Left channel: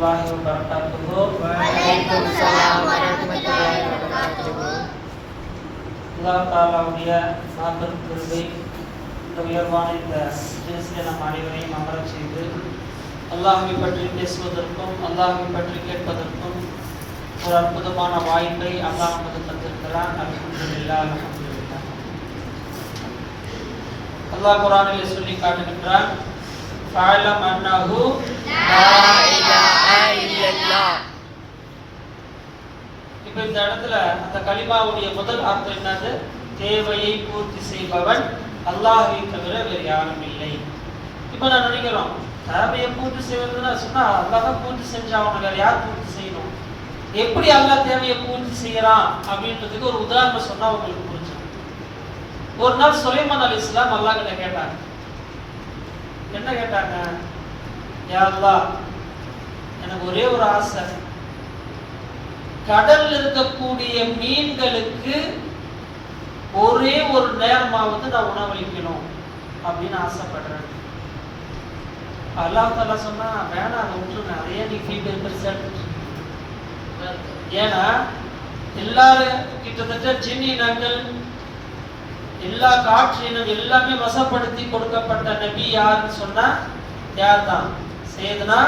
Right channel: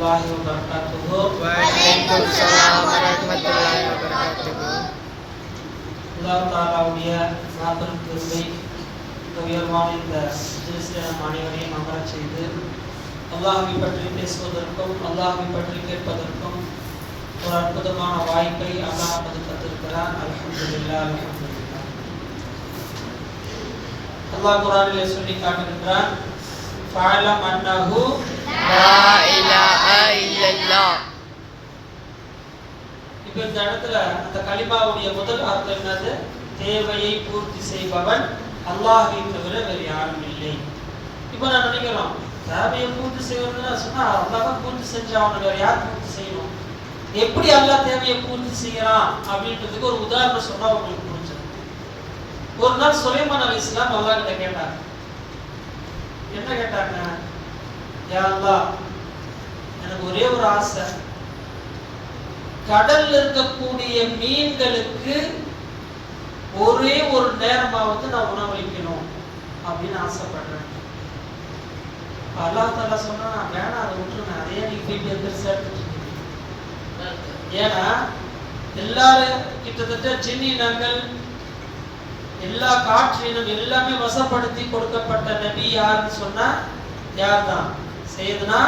Waalaikumsalam warahmatullahi wabarakatuh. Allah Ta'ala Sabar கருணை உயர்வான இந்த ஜினிஸில் நம் அனைவரையும் அமரச் செய்து அல்லாஹ்வை பற்றி பேசுவதற்கும் அல்லாஹ்வை பற்றி கேட்பதற்கும் ஒரு அற்புதமான வாய்ப்பை அல்லாஹ் நமக்கு தந்திருக்கிறான். அல்ஹம்துலில்லாஹ் அல்ஹம்துலில்லாஹ். அல்லாஹ் குர்ஆனிலே சொல்லி காட்டுகின்றான், ஃபஅலம் அன்னஹு லா இலாஹா இல்லல்லாஹ். இப்ப இந்த இடத்துல அந்த கலிமாவுடைய முதல் அர்த்தம் என்னது? தேவையை பூர்த்தி செய்பவன் அல்லாஹ்வை தவிர வேறு யாரும் இல்லை. இப்ப நான் நினைக்கிறோம், தேவையை பூர்த்தி செய்யறதுன்னா சொன்னா அல்லாஹ் தான் பூர்த்தி செஞ்சான், வேற யார் பூர்த்தி செய்யணும்? எப்படி அல்லாஹ் தேவையை பூர்த்தி செய்யறான் அப்படின்றதுக்கு ஒரு உதாரணம் சொன்னா உங்களுக்கு புரிஞ்சுது. ஒரு நாள் சுலைமான் அலைஹிஸ்ஸலாம் அல்லாஹ் கிட்ட கேட்டாங்க. என்ன கேட்டாங்க? யா அல்லாஹ், எனக்கு ஒரே ஒரு ஆசை, கடல்ல இருக்கக்கூடிய மீன்களுக்கு ஒரே ஒரு நேரமாவது நான் உணவளிக்கணும் அப்படின்னு ஆசைப்படுறேன். அல்லாஹ் தஆலா சொன்னா, வேணாம், அதை விட்டுருங்க, அதையே நீ வீட்டு பெருசா எடுத்துட்டு. ஏன்னா எல்லாரும் கிட்டத்தட்ட ஜின்னினங்கள் எல்லா காற்றினும் எல்லாமே வசப்படுத்தி கொடுக்கப்பட்ட நபி யாருன்னு சொன்னா யார் தான்? சையதுனா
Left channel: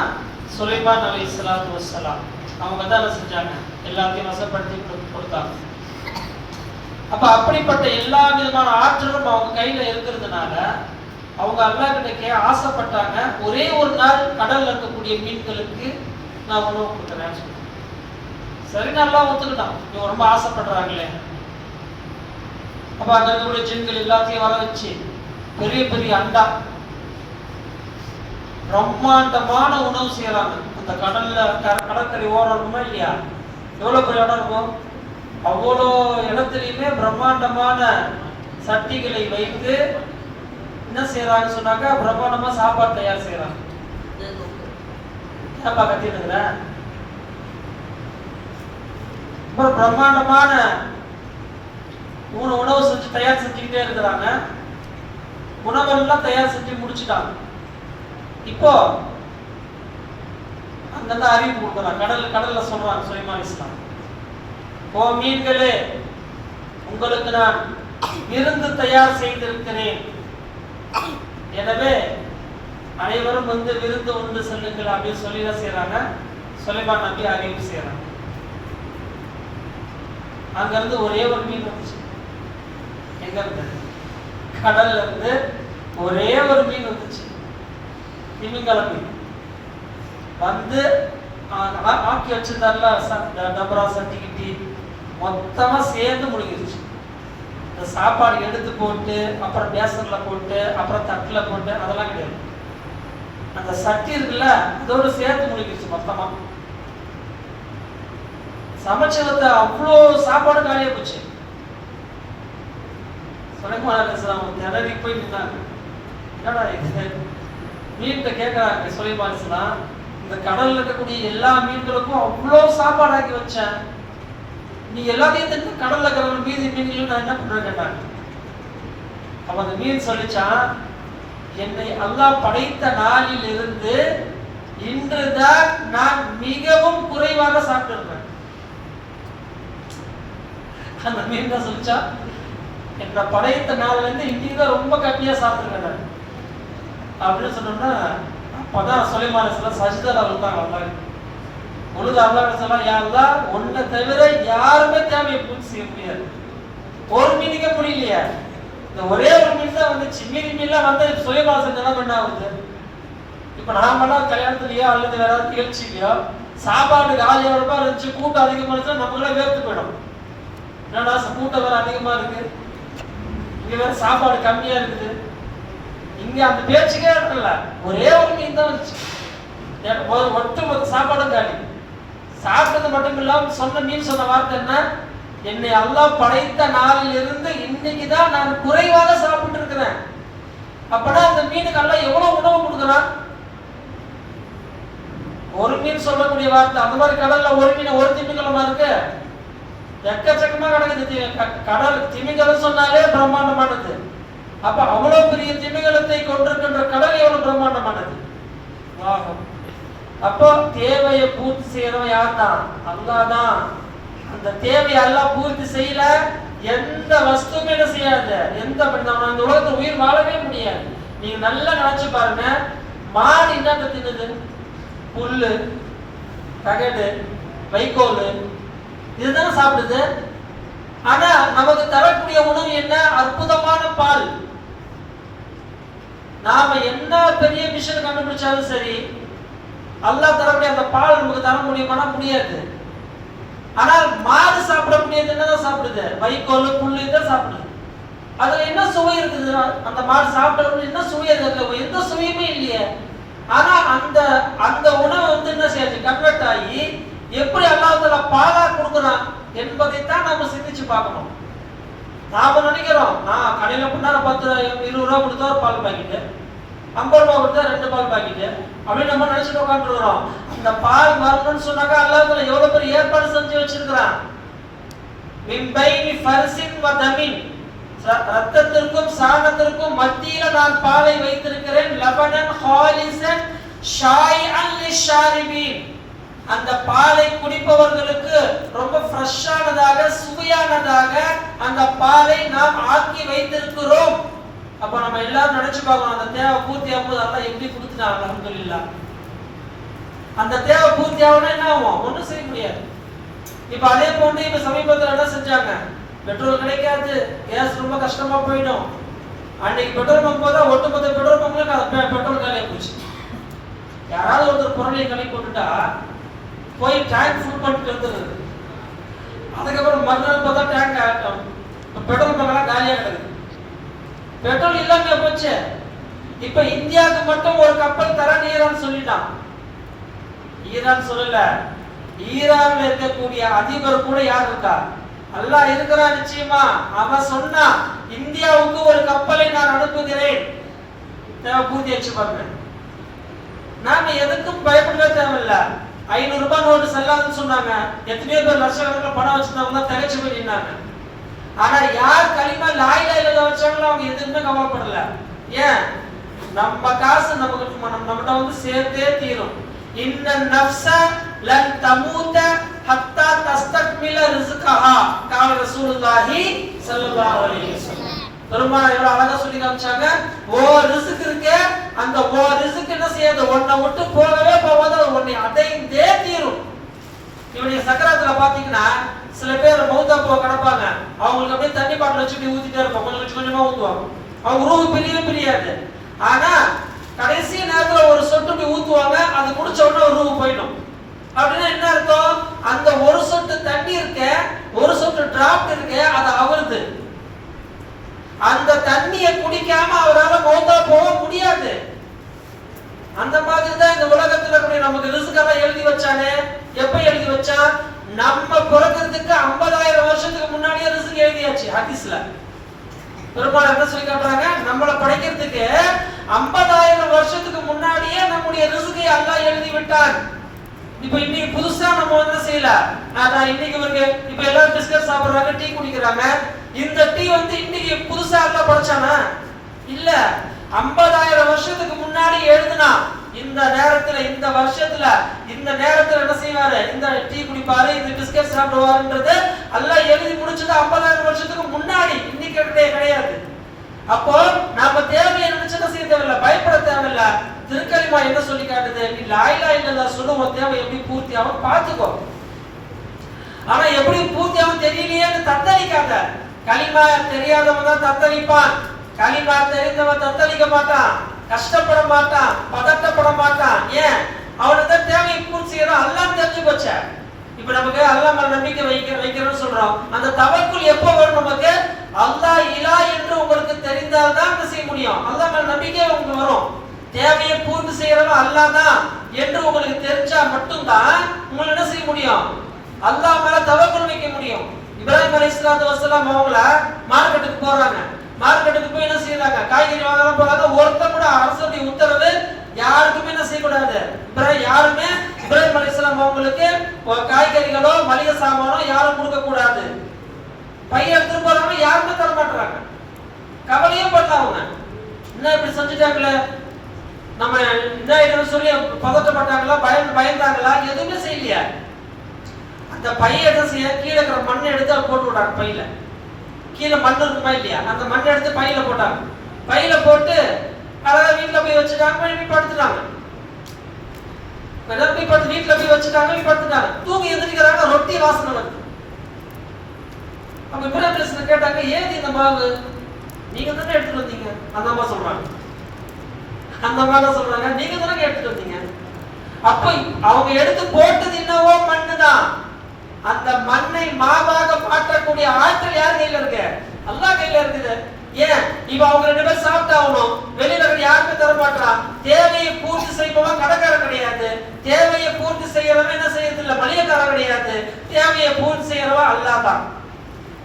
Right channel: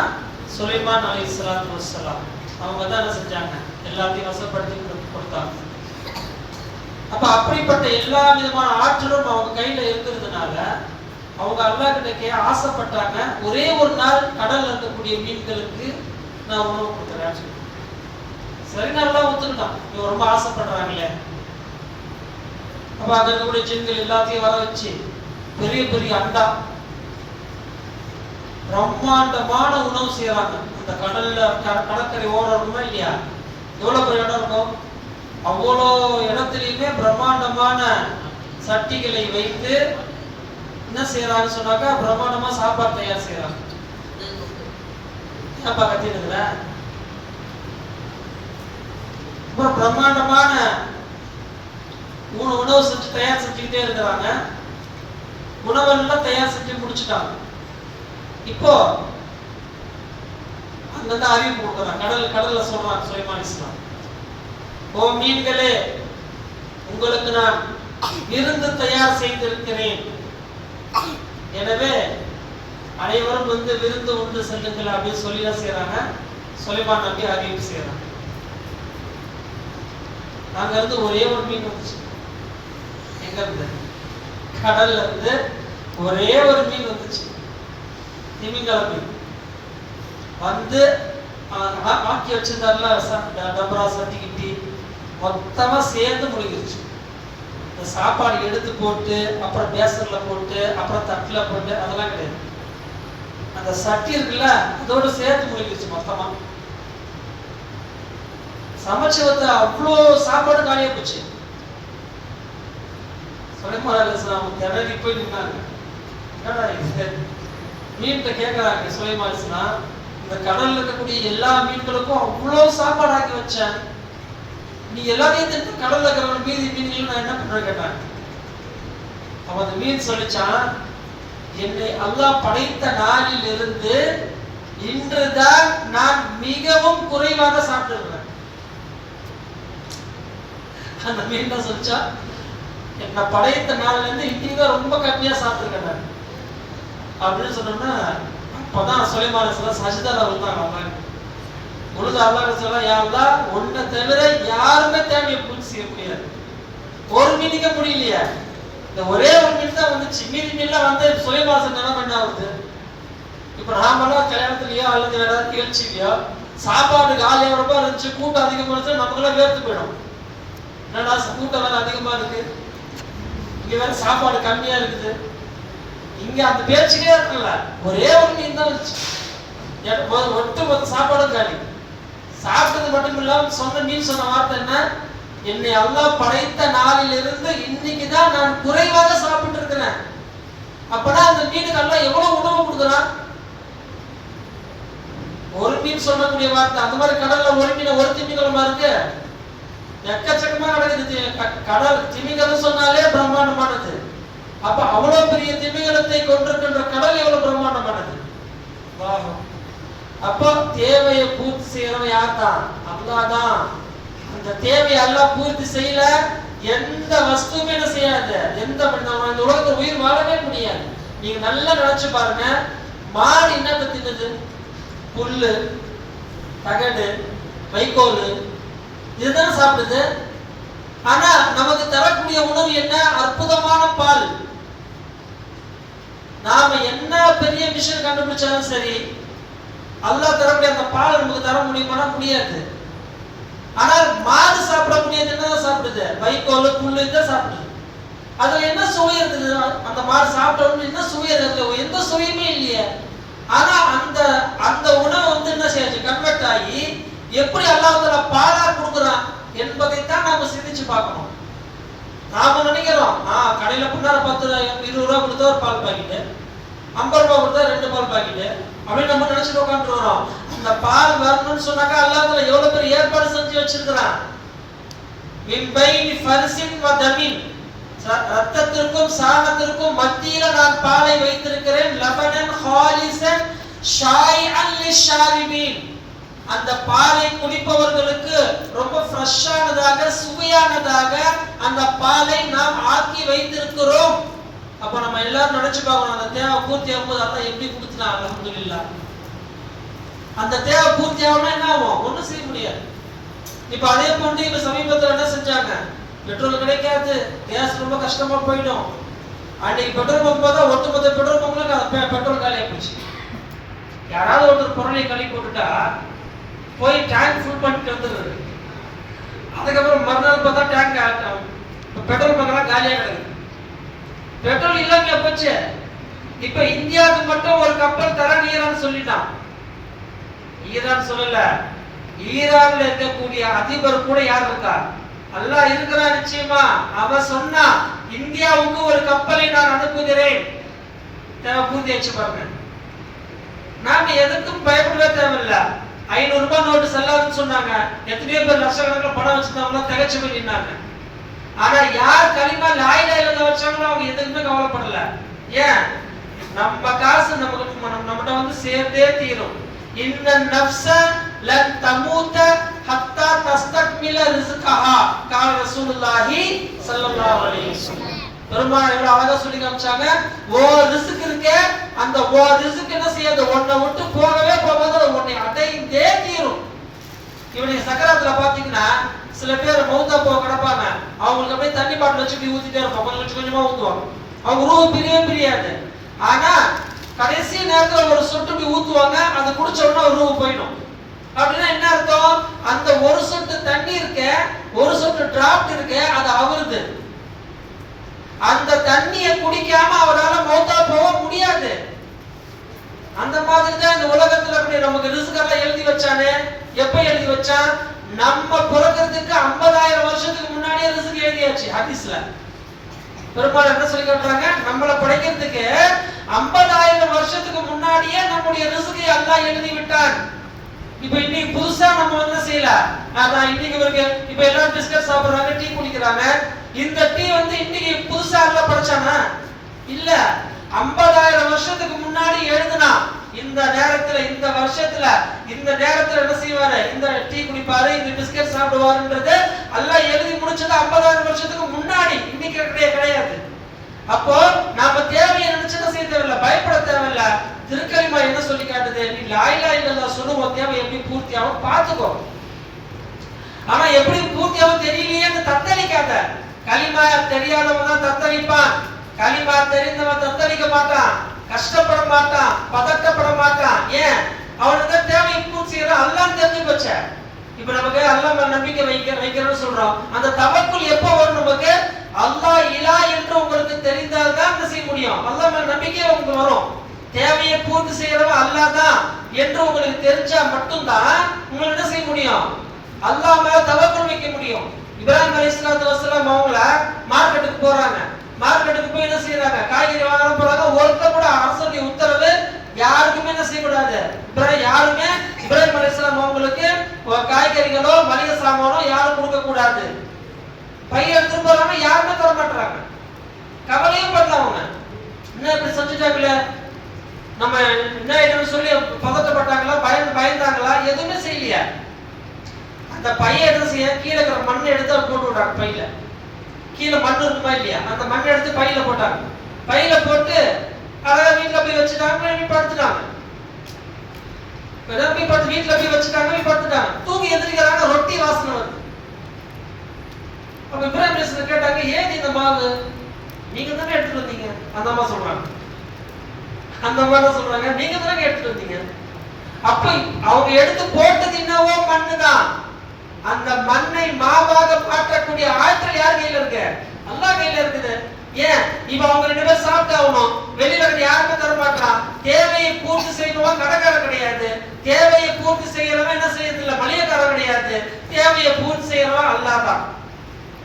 சுலைமான் அலைஹிஸ்ஸலாத்து வஸ்ஸலாம். அவங்க தான் என்ன செஞ்சாங்க? எல்லாத்தையும் வசப்படுத்தி கொடுத்தாங்க. அப்ப அப்படிப்பட்ட எல்லா விதமான ஆற்றலும் அவங்க கையில இருக்கிறதுனால அவங்க அல்லாஹ் கிட்ட ஆசைப்பட்டாங்க, ஒரே ஒரு நாள் கடல்ல இருக்கக்கூடிய மீன்களுக்கு நான் உணவு கொடுக்குறேன். சரி, நல்லா ஒத்துக்கிட்டான். இவங்க ரொம்ப ஆசைப்படுறாங்களே. அப்ப அங்க இருக்கக்கூடிய ஜின்கள் எல்லாத்தையும் வர வச்சு பெரிய பெரிய அண்டா பிரம்மாண்டமான உணவு செய்யறாங்க. அந்த கடல்ல கடற்கரை ஓரமா இல்லையா, எவ்வளவு பெரிய இடம் இருக்கும், அவ்வளோ இடத்துலயுமே பிரம்மாண்டமான சட்டிகளை வைத்து என்ன செய்யறாங்கன்னு சொன்னாக்கா பிரம்மாண்டமா சாப்பாடு தயார் செய்யறாங்க. என்னப்பா கத்திருக்கிற? பிரம்மாண்டமான உணவு செஞ்சு தயார் செஞ்சுக்கிட்டே இருக்கிறாங்க. உணவெல்லாம் தயார் செஞ்சு முடிச்சுட்டாங்க. இப்போ அங்க அறிவு கொடுக்குறாங்க, கடல்ல சொல்றாங்க சுலைமான் அலைஹிஸ்ஸலாம், ஓ மீன்களே, உங்களுக்கு நான் விருந்து தயார் செய்திருக்கிறேன். எனவே அனைவரும் விருந்து உண்டு செல்லுங்கள் அப்படின்னு சொல்லிதான் செய்யறாங்க. சுலைமான் நபி அறிவிப்பு செய்யறாங்க. அங்க இருந்து ஒரே ஒரு மீன் வந்துச்சு. எங்க இருந்து? கடல்ல இருந்து ஒரே ஒரு மீன் வந்துச்சு, திமிங்கல மீன். வந்து ஆக்கி வச்சிருந்தாருல டபரா சட்டிக்கிட்டி மொத்தமா சேர்ந்து முழுகிருச்சு. அந்த சாப்பாடு எடுத்து போட்டு அப்புறம் பேசன்ல போட்டு அப்புறம் தட்டுல போட்டு அதெல்லாம் கிடையாது. அந்த சட்டி இருக்குல்ல, அதோட சேர்த்து முழுகிருச்சு மொத்தமா. சமைச்சு வந்த அவ்வளோ சாப்பாடு காலியா போச்சு. சுலைமான் அலைஹிஸ்ஸலாம் திணறி போய் நின்னாங்க. என்னடா இது? மீன்கிட்ட கேட்கறாங்க சுலைமான் அலைஹிஸ்ஸலாம், இந்த கடல்ல இருக்கக்கூடிய எல்லா மீன்களுக்கும் அவ்வளோ சாப்பாடு ஆக்கி வச்சேன், நீ எல்லாத்தையும் தெரிஞ்சு கடல்ல இருக்கிற மீதி மீன்களும் நான் என்ன பண்றேன் கேட்டாங்க. அப்ப அந்த மீன் சொல்லிச்சான், என்னை அல்லாஹ் படைத்த நாளில் இருந்து இன்றுதான் நான் மிகவும் குறைவாக சாப்பிட்டிருக்கிறேன். அந்த மீன் தான் சொல்லிச்சா, என்னை படைத்த நாளில இருந்து இன்னைக்கு தான் ரொம்ப கம்மியா சாப்பிட்டுருக்கேன் அப்படின்னு சொன்னோம்னா, அப்பதான் சுலைமான் அலைஹிஸ்ஸலாம் சஜ்தால விழுந்தாங்க. அல்லாஹ் முழுது அல்லாஹ் சொல்லலாம், யா அல்லாஹ், உன்னை தவிர யாருமே தேவையை பூர்த்தி செய்ய முடியாது. ஒரு மீனுக்க முடியலையே, இந்த ஒரே ஒரு மீன் தான் வந்துச்சு. மீதி மீன்லாம் வந்து சுலைமான் செஞ்சா என்ன ஆகுது? இப்ப நாமெல்லாம் கல்யாணத்துலயோ அல்லது ஏதாவது நிகழ்ச்சிலையோ சாப்பாட்டுக்கு 1000 ரூபாய் இருந்துச்சு, கூட்டம் அதிகமா இருந்துச்சு, நமக்குலாம் வேர்த்து போயிடும். என்னன்னா கூட்டம் வேற அதிகமா இருக்கு, இங்க வேற சாப்பாடு கம்மியா இருக்குது. இங்க அந்த பேச்சுக்கே இருக்குல்ல, ஒரே ஒரு மீன் தான் வந்துச்சு, ஒட்டு சாப்பாடும் காலி. சாப்பிட்டது மட்டும் இல்லாம சொன்ன மீன் சொன்ன வார்த்தை என்ன? என்னை அல்லாஹ் படைத்த நாளில் இருந்து இன்னைக்கு தான் நான் குறைவாக சாப்பிட்டு இருக்கிறேன். அப்பதான் அந்த மீனுக்கு அல்லாஹ் எவ்வளவு உணவு கொடுக்குறான்? ஒரு மீன் சொல்லக்கூடிய வார்த்தை. அந்த மாதிரி கடல்ல ஒரு மீன் ஒரு திமிங்கலமா இருக்கு, எக்கச்சக்கமா கிடக்குது. கடல் திமிங்கலம் சொன்னாலே பிரம்மாண்டமானது. அப்ப அவ்வளவு பெரிய திமிங்கலத்தை கொண்டிருக்கின்ற கடல் எவ்வளவு பிரம்மாண்டமானது. அப்போ தேவையை பூர்த்தி செய்யறவன் யார் தான்? அல்லாஹ் தான். அந்த தேவையை அல்லாஹ் பூர்த்தி செய்யல எந்த வஸ்துமே என்ன செய்யாது, எந்த இந்த உலகத்துல உயிர் வாழவே முடியாது. நீங்க நல்லா நினைச்சு பாருங்க, மாடு என்ன தின்னுது? புல்லு, தகடு, வைக்கோல், இதுதான் சாப்பிடுது. ஆனா நமக்கு தரக்கூடிய உணவு என்ன? அற்புதமான பால். நாம என்ன பெரிய மிஷின் கண்டுபிடிச்சாலும் சரி, அல்லாஹ் தரக்கூடிய அந்த பால் நமக்கு தர முடியுமா? முடியாது. ஆனால் மாடு சாப்பிடக்கூடியது என்னதான் சாப்பிடுது? வைக்கோல், புல்லு தான் சாப்பிடுது. அதுல என்ன சுவை இருக்குது? அந்த மாடு சாப்பிட்ட உடனே என்ன சுவை இருக்குது? எந்த சுவையுமே இல்லையே. ஆனா அந்த அந்த உணவு வந்து என்ன செய்யாச்சு? கன்வெர்ட் ஆகி எப்படி அல்லாஹ் தஆலா பாலா கொடுக்குறான் என்பதைத்தான் நாம சிந்திச்சு பார்க்கணும். நாம நினைக்கிறோம் கடையில புண்ணார 10-20 ரூபா கொடுத்தா ஒரு பால் பாக்கெட்டு, 50 ரூபா கொடுத்தா 2 பால் பாக்கெட்டு அப்படின்னு நம்ம நினைச்சிட்டு உட்காந்துருக்கிறோம். அந்த பால் வரணும்னு சொன்னாக்கா அல்லாஹ் தஆலா எவ்வளவு பெரிய ஏற்பாடு செஞ்சு வச்சிருக்கிறான். மின் பைனி ஃபர்சின் வ தமின், ரத்தத்திற்கும் சாணத்திற்கும் மத்தியில நான் பாலை வைத்திருக்கிறேன். லபனன் ஹாலிசன் ஷாயிஅன் லிஷாரிபின், அந்த பாலை குடிப்பவர்களுக்கு ரொம்ப ஃப்ரெஷ்ஷானதாக, சுவையானதாக அந்த பாலை நாம் ஆக்கி வைத்திருக்கிறோம். அப்ப நம்ம எல்லாரும் நினைச்சு பார்க்கணும், அந்த தேவை பூர்த்தி ஆகும்போது அல்லாஹ் எப்படி கொடுத்துட்டாங்க? அல்ஹம்துலில்லாஹ். அந்த தேவை பூர்த்தி ஆகணும்னா என்ன ஆகும்? ஒன்றும் செய்ய முடியாது. இப்ப அதே போன்று இப்ப சமீபத்தில் என்ன செஞ்சாங்க? பெட்ரோல் கிடைக்காது, கேஸ் ரொம்ப கஷ்டமா போயிடும். அன்னைக்கு பெட்ரோல் பங்க் போதா ஒட்டுமொத்த பெட்ரோல் பங்க்ல பெட்ரோல் காலியா போச்சு. யாராவது ஒருத்தர் பொருளை கழி போட்டுட்டா போய் டேங்க் ஃபுல் பண்ணிட்டு வந்துடுது. அதுக்கப்புறம் மறுநாள் பார்த்தா டேங்க் பெட்ரோல் பங்க்லாம் காலியா கிடக்குது. பெட்ரோல் இல்லாம போச்சு. இப்ப இந்தியாவுக்கு மட்டும் ஒரு கப்பல் தரான் ஈரான் சொல்லிட்டான். ஈரான் சொல்லல, ஈரான்ல இருக்கக்கூடிய அதிபர் கூட யார் இருக்கா? அல்லாஹ் இருக்கிறான் நிச்சயமா. அவன் சொன்னா இந்தியாவுக்கு ஒரு கப்பலை நான் அனுப்புகிறேன். தேவை பூர்த்தி வச்சு பாருங்க. நாம எதுக்கும் பயப்பட தேவையில்லை. 500 ரூபாய் நோட்டு செல்லாதுன்னு சொன்னாங்க. எத்தனையோ பேர் லட்சக்கணக்கில் பணம் வச்சிருந்தாங்களோ திகச்சு போய் நின்னாங்க. ஆனா யார் கலிமா லா இலாஹ இல்லல்லாஹ் வச்சாங்களோ அவங்க எதுக்குமே கவலைப்படல. ஏன்? நம்ம காசு நம்மகிட்ட வந்து சேர்ந்தே தீரும். இன்ன நஃப்ஸ லன் தமூத ஹத்தா தஸ்தக்மில ரிஸ்கஹா கால ரசூலுல்லாஹி ஸல்லல்லாஹு அலைஹி வஸல்லம். பெருமாள் எவ்வளவு அழகா சொல்லி காமிச்சாங்க. ஓ ரிஸ்க் இருக்கே, அந்த ஓ ரிஸ்க் என்ன செய்யாது? ஒன்னை விட்டு போகவே போகாது, அது ஒன்னை அடைந்தே தீரும். இவனுடைய சக்கரத்துல பாத்தீங்கன்னா சில பேர் மௌத்தா போக கிடப்பாங்க. அவங்களுக்கு அப்படியே தண்ணி பாட்டில் வச்சுட்டு ஊத்திட்டே இருப்போம், கொஞ்சம் கொஞ்சமா ஊத்துவாங்க. அவங்க ரூஹு பிரியாது. ஆனா கடைசி நேரத்துல ஒரு சொட்டு ஊத்துவாங்க, அது குடிச்ச உடனே ரூஹு போயிடும். அப்படின்னா என்ன அர்த்தம்? அந்த ஒரு சொட்டு தண்ணி இருக்க, ஒரு சொட்டு டிராப்ட் இருக்க, அது அவருது. அந்த தண்ணியை குடிக்காம அவரால் மௌத்தா போக முடியாது. அந்த மாதிரி தான் இந்த உலகத்துல நமக்கு ரிஸ்கெல்லாம் எழுதி வச்சானே. எப்ப எழுதி வச்சான்? நம்ம பிறக்கிறதுக்கு 50,000 வருஷத்துக்கு முன்னாடியே ரிஸ்க் எழுதியாச்சு ஹதீஸ்ல. பெருமாள் என்ன சொல்லி காட்டுறாங்க? நம்மளை படைக்கிறதுக்கு 50,000 வருஷத்துக்கு முன்னாடியே நம்முடைய ரிஸ்கை அல்லாஹ் எழுதி விட்டான். இப்ப இன்னைக்கு புதுசா நம்ம என்ன செய்யல? இன்னைக்கு இப்ப எல்லாரும் பிஸ்கட் சாப்பிடுறாங்க, டீ குடிக்கிறாங்க. இந்த டீ வந்து இன்னைக்கு புதுசா அல்லாஹ் படைச்சானா? இல்ல. 50,000 வருஷத்துக்கு முன்னாடி எழுதுனா இந்த நேரத்துல, இந்த வருஷத்துல, இந்த நேரத்துல என்ன செய்வாரு? இந்த டீ குடிப்பாரு, இந்த பிஸ்கட் சாப்பிடுவாருன்றது அல்லாஹ் எழுதி முடிச்சது 50,000 வருஷத்துக்கு முன்னாடி. இன்னைக்கு கிடையாது. அப்போ நாம தேவையை நினைச்சு என்ன செய்ய தேவையில்ல, பயப்பட தேவையில்ல. திருக்கலிமா என்ன சொல்லி காட்டுது? நீ லா இலாஹ இல்லல்லாஹ் சொல்லுவோம், தேவை எப்படி பூர்த்தி ஆகும் பார்த்துக்கோ. ஆனா எப்படி பூர்த்தி ஆகும் தெரியலையேன்னு தத்தளிக்காத. கலிமா தெரியாதவன் தான் தத்தளிப்பான். கலிமா தெரிந்தவன் தத்தளிக்க மாட்டான், கஷ்டப்பட மாட்டான், பதட்டப்பட மாட்டான். ஏன்? அவனுக்கு தேவையை பூர்த்தி செய்யறான். அல்லாஹ் தெரிஞ்சு போச்ச. இப்ப நமக்கு அல்லாஹ் மேல நம்பிக்கை வைக்கிறோம்னு சொல்றோம். அந்த தவக்குல் எப்போ வரும்? நமக்கு அல்லாஹ் இலா என்று உங்களுக்கு தெரிந்தால் தான் என்ன செய்ய முடியும்? அல்லாஹ் மேல நம்பிக்கை உங்களுக்கு வரும். தேவையை பூர்த்தி செய்யறவன் அல்லாஹ் தான் என்று உங்களுக்கு தெரிஞ்சா மட்டும்தான் உங்களுக்கு என்ன செய்ய முடியும்? அல்லாஹ் மேல தவக்குல் வைக்க முடியும். இப்ராஹிம் அலைஹிஸ்ஸலாத்து வஸலாம் அவங்கள மார்க்கெட்டுக்கு போறாங்க. மார்க்கெட்டுக்கு போய் என்ன செய்யறாங்க? காய்கறி வாங்கலாம் போறாங்க. ஒருத்தர் கூட அரசுடைய உத்தரவு யாருக்குமே என்ன செய்யக்கூடாது. யாருமே இப்ராஹிம் அலைஹிஸ்ஸலாம் அவங்களுக்கு காய்கறிகளோ மளிகை சாமானோ யாரும் கொடுக்க கூடாது. பையன் எடுத்துட்டு போறாங்க, யாருமே தர மாட்டாங்க. கவலையும் படல அவங்க. என்ன இப்படி செஞ்சுட்டாங்களே, நம்ம என்ன ஆயிடும் சொல்லி பதட்டப்பட்டாங்களா, பயந்தாங்களா? எதுவுமே செய்யலையா. அந்த பையன் என்ன செய்ய, கீழே இருக்கிற மண் எடுத்து போட்டு விட்டாங்க பையில. கீழே மண் இருக்குமா இல்லையா, அந்த மண் எடுத்து பையில போட்டாங்க. பையில போட்டு அழகா வீட்டுல போய் வச்சுட்டாங்க. படுத்துட்டாங்க. வீட்டுல போய் வச்சுட்டாங்க, படுத்துட்டாங்க. தூங்கி எந்திரிக்கிறாங்க, ரொட்டி வாசனை வருது. அப்ப இப்ராஹிம் கேட்டாங்க, ஏன் இந்த மாவு நீங்க தானே எடுத்துட்டு வந்தீங்க? அந்த அம்மா சொல்றாங்க, அந்த அம்மா சொல்றாங்க, நீங்க தானே எடுத்துட்டு வந்தீங்க. அப்ப அவங்க எடுத்து போட்டது என்னவோ மண்ணுதான். அந்த மண்ணை மாவாக மாற்றக்கூடிய ஆற்றல் யார் கையில இருக்கு? அல்லாஹ் கையில இருக்குது. ஏன் இப்ப அவங்க 2 பேரும் சாப்பிட்டாகணும், வெளியில இருந்து யாருமே தர மாட்டான். தேவையை பூர்த்தி செய்பவன் கடைக்காரன் கிடையாது, தேவையை பூர்த்தி செய்யறவன் என்ன செய்யறது இல்ல மளிகைக்காரன் கிடையாது, தேவையை பூர்த்தி செய்யறவன் அல்லாஹ் தான்.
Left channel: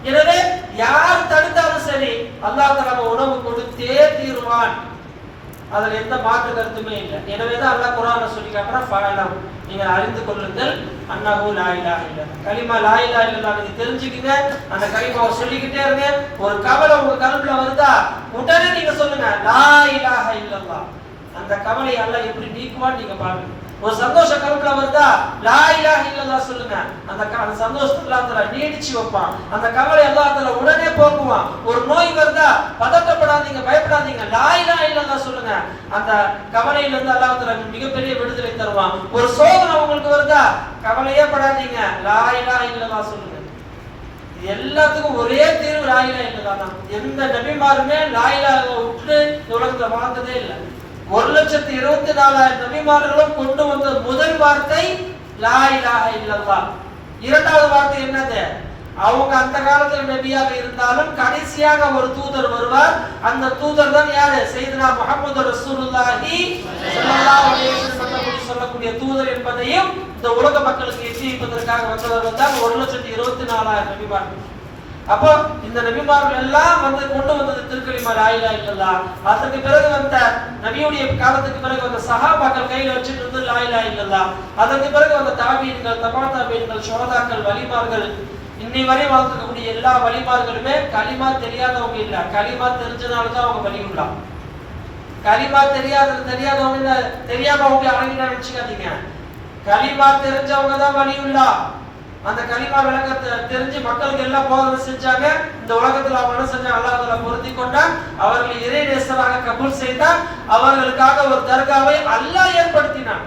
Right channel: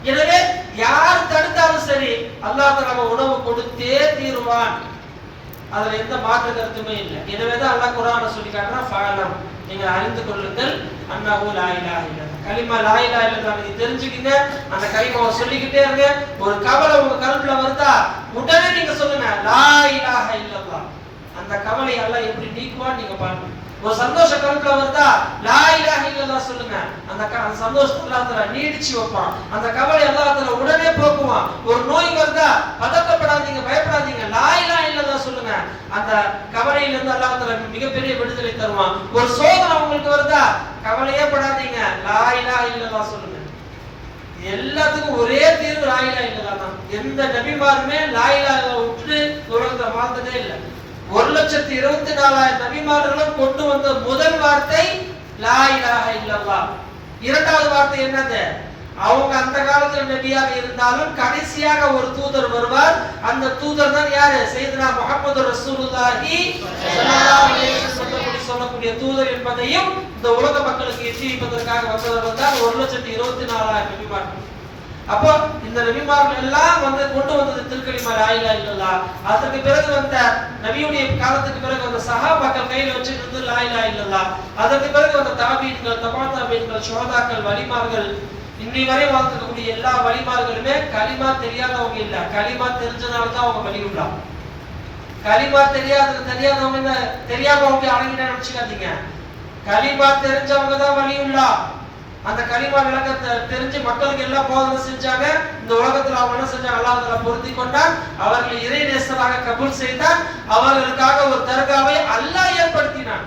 எனவே யார் தடுத்தாலும் சரி அல்லாஹ் தஆலா உணவு கொடுத்தே தீருவான். அதுல எந்த மாற்று கருத்துமே இல்லை. எனவேதான் அல்லாஹ் குர்ஆன்ல சொல்லி காட்டுறான், ஃபஅலம், நீங்க அறிந்து கொள்ளுங்கள், அன்னஹு லா இலாஹ இல்லல்லாஹ், கலிமா லா இலாஹ இல்லல்லாஹ் நீங்க தெரிஞ்சுக்கங்க. அந்த கலிமாவை சொல்லிக்கிட்டே இருங்க. ஒரு கவலை உங்க கல்வில வருதா, உடனே நீங்க சொல்லுங்க லா இலாஹ இல்லல்லாஹ். அந்த கவலை அல்லாஹ் எப்படி நீக்குவான்னு நீங்க பாருங்க. ஒரு சந்தோஷ கருத்துல வருதா, லா இலாஹ இல்லல்லாஹ் சொல்லுங்க. அந்த சந்தோஷத்தை அல்லாஹ் தஆலா நீடிச்சு வைப்பான். அந்த கவலை அல்லாஹ் தஆலா உடனே போக்குவான். ஒரு நோய் வருதா, பதட்டப்படாதீங்க, பயப்படாதீங்க, லா இலாஹ இல்லல்லாஹ் சொல்லுங்க. அந்த கவலையில இருந்து அல்லாஹ் தஆலா மிகப்பெரிய விடுதலை தருவான். ஒரு சோதனை உங்களுக்கு வருதா, கவலையே படாதீங்க, லா இலாஹ இல்லல்லாஹ் சொல்லுங்க. எல்லாத்துக்கும் ஒரே தீர்வு லா இலாஹ இல்லல்லாஹ் தான். எந்த நபிமாருமே லா இலாஹ விட்டு உலகத்துல வாழ்ந்ததே இல்லை. 1,24,000 நபிமார்களும் கொண்டு வந்த முதல் வார்த்தை லா இலாஹ இல்லல்லாஹ். இரண்டாவது வார்த்தை என்னது? அவங்க அந்த காலத்தில் நபியாக இருந்தாலும் கடைசியாக ஒரு தூதர் வருவார். அந்த தூதர் தான் யாரு? சையதுனா முஹம்மது ரசூலுல்லாஹி ஸல்லல்லாஹு அலைஹி வஸல்லம் சொல்லக்கூடிய தூதர் என்பதையும் இந்த உலக மக்களுக்கு எச்சரிப்பதற்காக வந்தவர் தான் 1,24,000 நபிமார்கள். அப்போ இந்த நபிமார்கள் எல்லாம் வந்து கொண்டு வந்தது திருக்கலிமா லா இலாஹ இல்லல்லாஹ். அதற்கு பிறகு வந்த நபியுடைய காலத்துக்கு பிறகு வந்த சஹாபாக்கள் கையில வச்சிட்டு இருந்தது லா இலாஹ இல்லல்லாஹ். அதற்கு பிறகு வந்த தாபீன்கள், தபா தாபீன்கள், ஷுஹதாக்கள், வலிமார்கள், இன்னை வரை வாழ்ந்துக்கூடிய எல்லா வலிமார்களுமே கலிமா தெரியாதவங்க இல்ல, கலிமா தெரிஞ்சனால தான் அவங்க வலியுள்ளா. கலிமா தெரியாதவங்க தெரியாதவங்க அழகில நினைச்சுக்காதீங்க. கலிமா தெரிஞ்சவங்க தான் வலியுள்ளா. அந்த கலிமா விளக்கத்தை தெரிஞ்சு மக்களுக்கு எல்லாம் போதனை செஞ்சாங்க. இந்த உலகத்துல அவங்க என்ன செஞ்சாங்க, அல்லாஹ் தஆலா பொருத்தி கொண்டான். அவர்கள் இறை நேசராக கபூல் செய்தான். அவர்களுக்காக ஒரு தர்காவை அல்லாஹ் ஏற்படுத்தினான்.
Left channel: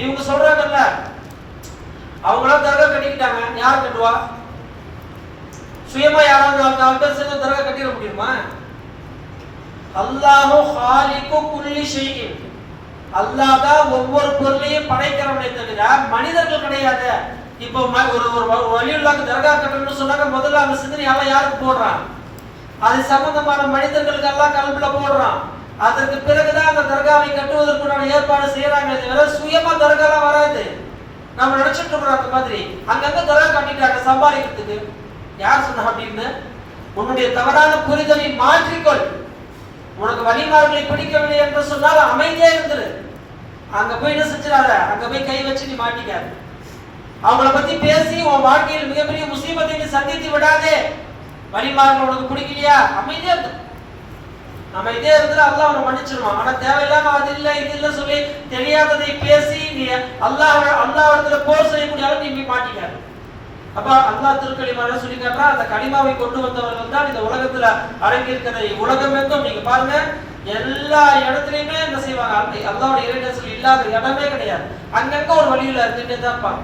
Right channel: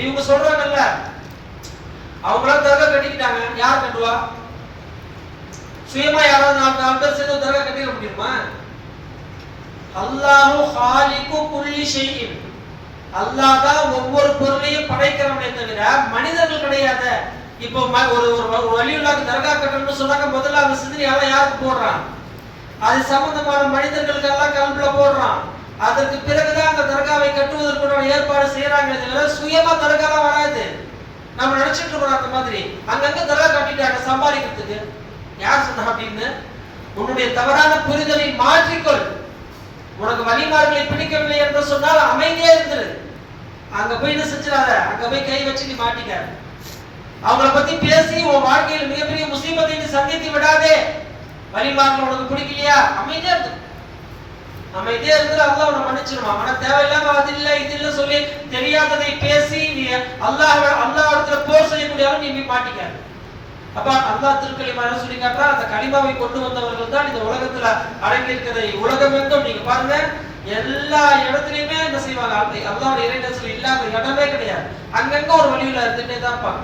இவங்க சொல்றாங்கல்ல, அவங்களாம் தர்கா கட்டிக்கிட்டாங்க. யார் கட்டுவா? சுயமா யாராவது 4 பேர் சேர்ந்து தர்கா கட்டிட முடியுமா? அல்லாஹு காலிகு குல்லி ஷைஇன், அல்லாஹ் தான் ஒவ்வொரு பொருளையும் படைக்கிறவனே தவிர மனிதர்கள் கிடையாது. இப்போ ஒரு வலியுல்லாஹ் தர்கா கட்டணும்னு சொன்னாங்க, முதல்ல அந்த சிந்தனை யாருக்கு போடுறான்? அது சம்பந்தமான மனிதர்களுக்கு எல்லாம் கல்வில போடுறான். அதற்கு பிறகுதான் அந்த தர்காவை கட்டுவதற்குண்டான ஏற்பாடு செய்யறாங்க. தவிர சுயமா தர்காலாம் வராது. நம்ம நினைச்சிட்டு இருக்கிறோம் அந்த மாதிரி. அங்கங்க தர்கா கட்டிட்டாங்க சம்பாதிக்கிறதுக்கு. யார் சொன்னா அப்படின்னு? உன்னுடைய தவறான புரிதலை மாற்றிக்கொள். உனக்கு வலிமார்களை பிடிக்கவில்லை என்று சொன்னால் அமைதியே இருந்துரு. அங்க போய் என்ன செஞ்சிடாத, அங்க போய் கை வச்சு நீ மாட்டிக்காத. அவங்கள பத்தி பேசி உன் வாழ்க்கையில் மிகப்பெரிய முசீபத்தை நீ சந்தித்து விடாதே. வலிமார்கள் உனக்கு பிடிக்கலையா, அமைதியா இருந்து. அமைதியா இருந்தா அல்லாஹ் உன்னை மன்னிச்சிருவான். ஆனா தேவையில்லாம அது இல்ல இது இல்ல சொல்லி தெரியாததை பேசி நீ அல்லாஹ்விடத்துல போர் செய்யக்கூடிய நீ மாட்டிக்காத. அப்ப அல்லாஹ் திருக்கலிமாவை சொல்லி காட்டுறா, அந்த கலிமாவை கொண்டு வந்தவர்கள் தான் இந்த உலகத்துல அடங்கி இருக்கிறதை உலகமெங்கும் நீங்க பாருங்க, எல்லா இடத்துலயுமே என்ன செய்வாங்க, அப்படி அல்லாஹ்வுடைய இறைநேசம் இல்லாத இடமே கிடையாது. அங்கங்க ஒரு வழியில இருந்துட்டே தான் இருப்பாங்க.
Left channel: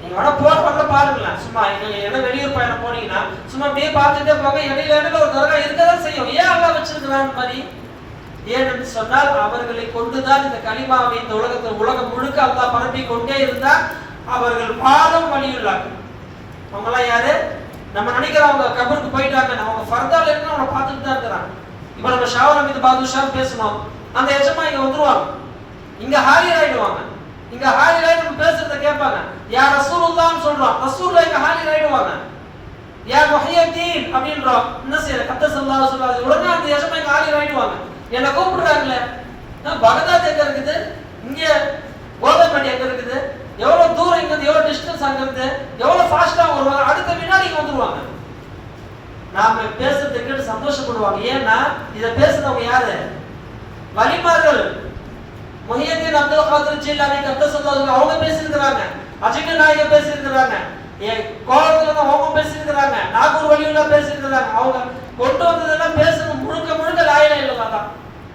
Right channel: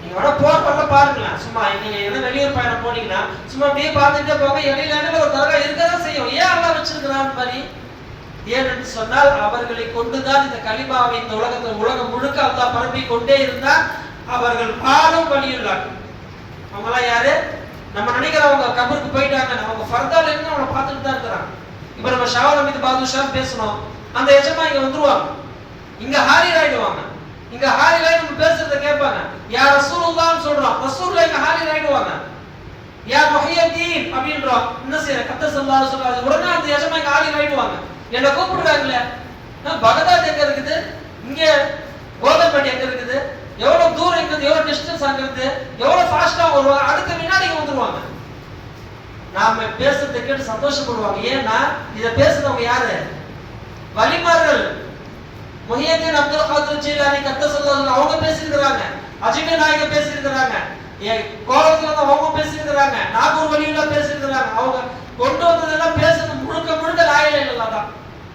நீங்க வேணா போறப்ப பாருங்களேன், சும்மா நீங்க ஏதோ வெளியூர் பயணம் போனீங்கன்னா சும்மா அப்படியே பார்த்துட்டே போங்க, இடையில ஒரு தர்கா இருக்கதான் செய்யும். ஏன் அல்லாஹ் வச்சிருக்கிறான் மாதிரி? ஏன் என்று சொன்னால் அவர்களை கொண்டுதான் இந்த கலிமாவை இந்த உலகம் முழுக்க அல்லாஹ் பரப்பி கொண்டே இருந்தால் அவர்கள் பாலும் வழியுள்ளார்கள். அவங்களாம் யாரு? நம்ம நினைக்கிறவங்க கபருக்கு போயிட்டாங்க, நம்ம ஃபர்தால இருந்து அவங்களை பார்த்துட்டு தான் இருக்கிறாங்க. இப்ப நம்ம ஷாவல் மீது பாதுஷா பேசணும், அந்த எஜமா இங்க வந்துருவாங்க, இங்க ஹாரிர் ஆயிடுவாங்க. இங்க ஹாரிர் ஆயி நம்ம பேசுறத கேட்பாங்க. யா ரசூலுல்லாஹ்னு சொல்றோம், ரசூலுல்லாஹ் இங்க ஹாரிர் ஆயிடுவாங்க. யா முஹியத்தீன் அப்படின்றோம், என்ன செய்யற கத்த ஸல்லல்லாஹு அலைஹி வஸல்லம் உடனே அந்த எஜமா இங்க ஹாரிர் ஆயிடுவாங்க. என்ன கூப்பிடுறாங்கல்ல, பகதாத் எங்க இருக்குது, இங்க கோதம்பேட்டை எங்க இருக்குது, எவ்வளவு தூரம் இருக்குது, எவ்வளவு டிஸ்டன்ஸ் ஆகுது, எவ்வளவு ஃபாஸ்டா வருவாங்க, அடுத்த வினாடி வந்துருவாங்க. நாம பேசுறதை கேட்டு சந்தோஷப்படுவாங்க. ஏன்னா இத பேசுறவங்க யாரு? வலிமார்கள். முஹியத்தீன் அப்துல் காதிர் ஜீலானி கத்தஸல்லாஹு அவங்க பேசியிருக்கிறாங்க, அஜிங்க நாயகம் பேசியிருக்கிறாங்க, கோலத்துல அவங்க பேசியிருக்கிறாங்க, நாகூர் வலியுல்லா பேசியிருக்கிறாங்க. அவங்க கொண்டு வந்ததெல்லாம் பேசுறது முழுக்க முழுக்க லா இலாஹ இல்லல்லாஹ் தான்.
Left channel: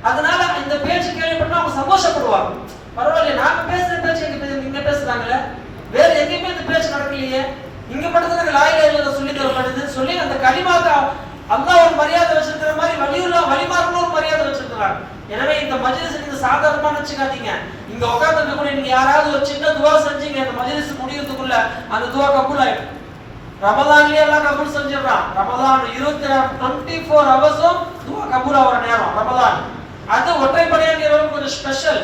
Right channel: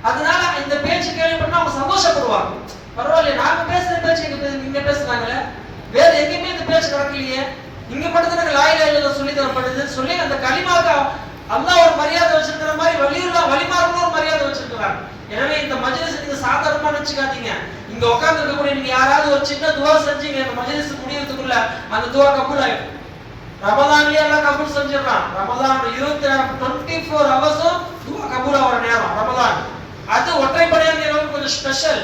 அதனால இந்த பேச்சு கேள்விப்பட்டா அவங்க சந்தோஷப்படுவாங்க. பரவாயில்ல, நாங்க பேசுற பேச்சு இங்க பேசுறாங்களே, வேற எங்கேயுமே இந்த பேச்சு நடக்கலையே, இங்க மட்டும் தான் லா இலாஹ இல்லல்லாஹ் சொல்லி தரப்படுது சொல்லி அந்த கலிமாவுக்கு அல்லாஹ் ஒரு மரியாதை வச்சிருக்கிற மாதிரி வலிமார்களும் ஒரு மரியாதை வச்சிருக்கிறாங்க. எனவே இந்த மஜ்லிஸ் நீங்க சாதாரணமா நினைச்சுக்காதீங்க. இங்க உட்கார்ந்து இருக்கக்கூடிய நீங்க யாராவது ஒரு சின்ன துவா செஞ்சீங்க, அந்த மஜ்லிஸ் முடியறதுக்குள்ள அந்த துவா கபூல் ஆயிடும். ரமலான்லயே எல்லாம் கபூல் செஞ்சிடறான். ரமலான் 24 ஹவர்ஸும் துவா கபூல் ஆகிற நேரம் ரமலான். அது ஒற்றைப்படையா நேரம் கொஞ்சம் ஸ்பெஷல்.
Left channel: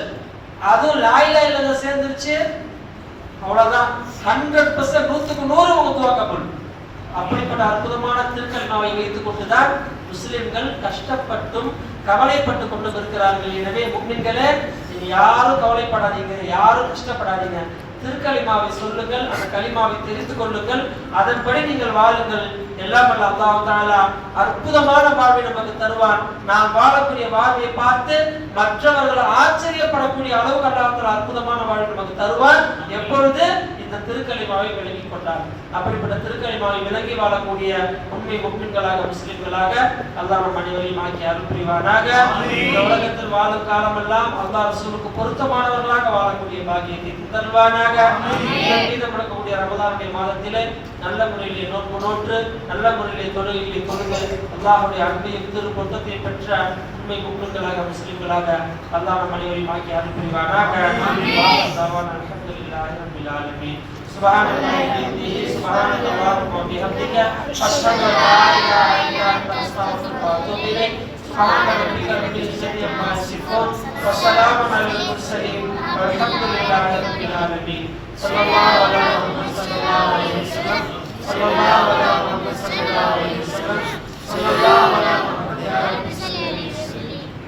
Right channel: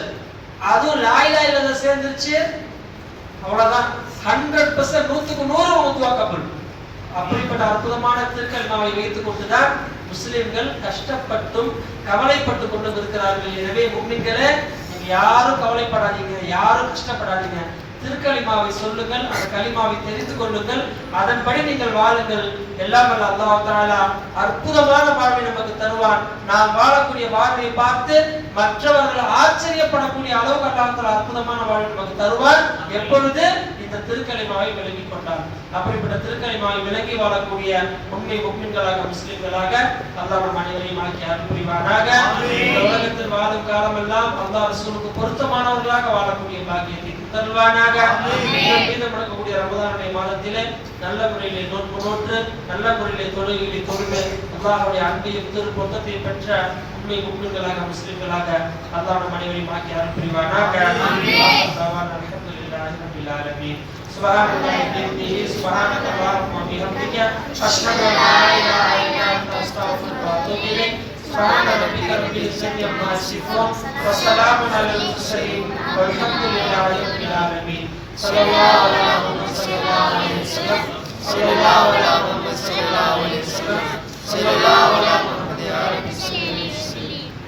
அதுவும் லா இலாஹ இல்லல்லாஹ் சேர்ந்துருச்சு, அவ்வளவுதான் 100% 100% துவா கபூல். அப்படிப்பட்ட அற்புதமான திருக்கலிமாவை வைத்துக் கொண்டுதான் முஸ்லிம்கள் கஷ்டப்பட்டும் கவலைப்பட்டு கொண்டு இருக்கிறார்கள். எனவே முஃமின்களே, நீங்க யாரும் கவலைப்படாதீங்க, யாரும் கஷ்டப்படாதீங்க. திருக்கலிமாவை சொல்லுங்கள், அந்த கலிமாவை தெரிந்து கொள்ளுங்கள், அதன்படி நீங்கள் வாழுங்கள். எல்லாம் வல்ல அல்லாஹ் தஆலா அற்புதமான வாழ்வை நமக்கு தருவான். நாம் வாழக்கூடிய வாழ்வை பார்த்து மற்றவர்கள் ஆச்சரியப்படக்கூடிய அளவுக்கு அல்லாஹ் அற்புதமான வாழ்வை நமக்கு தருவான். எப்பொழுது இந்த திருக்கலிமாவை விளங்கிக் கொண்டார். அப்படிப்பட்ட திருக்கலிமாவை விளங்கி வாழக்கூடிய உண்மை முஃமின்களாக முஸ்லிம்களாக அல்லாஹ் நம் அனைவரையும் ஆக்கி அருள் புரிவானாக. உலகத்தில் வாழும் காலமெல்லாம் அல்லாஹ் ரசூலுக்கு பொருத்தமானவர்களாக வாழக்கூடிய பாக்கியத்தை தருவானாக. மீதம் நடக்கக்கூடிய ரமலானுடைய மாதத்திலே நல்ல முறையிலே நோன்பு நோற்று நல்ல முறையிலே தொழுகைகளை தொழுது அல்லாஹ்வுடைய அன்பையும் திருப்பொருத்தத்தையும் பெற்ற உண்மை முஃமின்களாக முஸ்லிம்களாக அல்லாஹ் நம் அனைவரையும் ஆக்கி அருள் புரிவானாக. அல்ஹம்துலில்லாஹி ரப்பில் ஆலமீன். سبحانك اللهم وبحمدك أشهد أن لا إله إلا أنت أستغفرك وأتوب إليك. سبحان ربك رب العزة عما يصفون وسلام على المرسلين والحمد لله رب العالمين. صلى الله على محمد صلى الله عليه وسلم. صلى الله على محمد صلى الله عليه وسلم. صلى الله على محمد يا رب.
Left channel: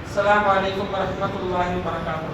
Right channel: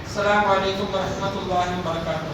السلام عليكم ورحمة الله وبركاته.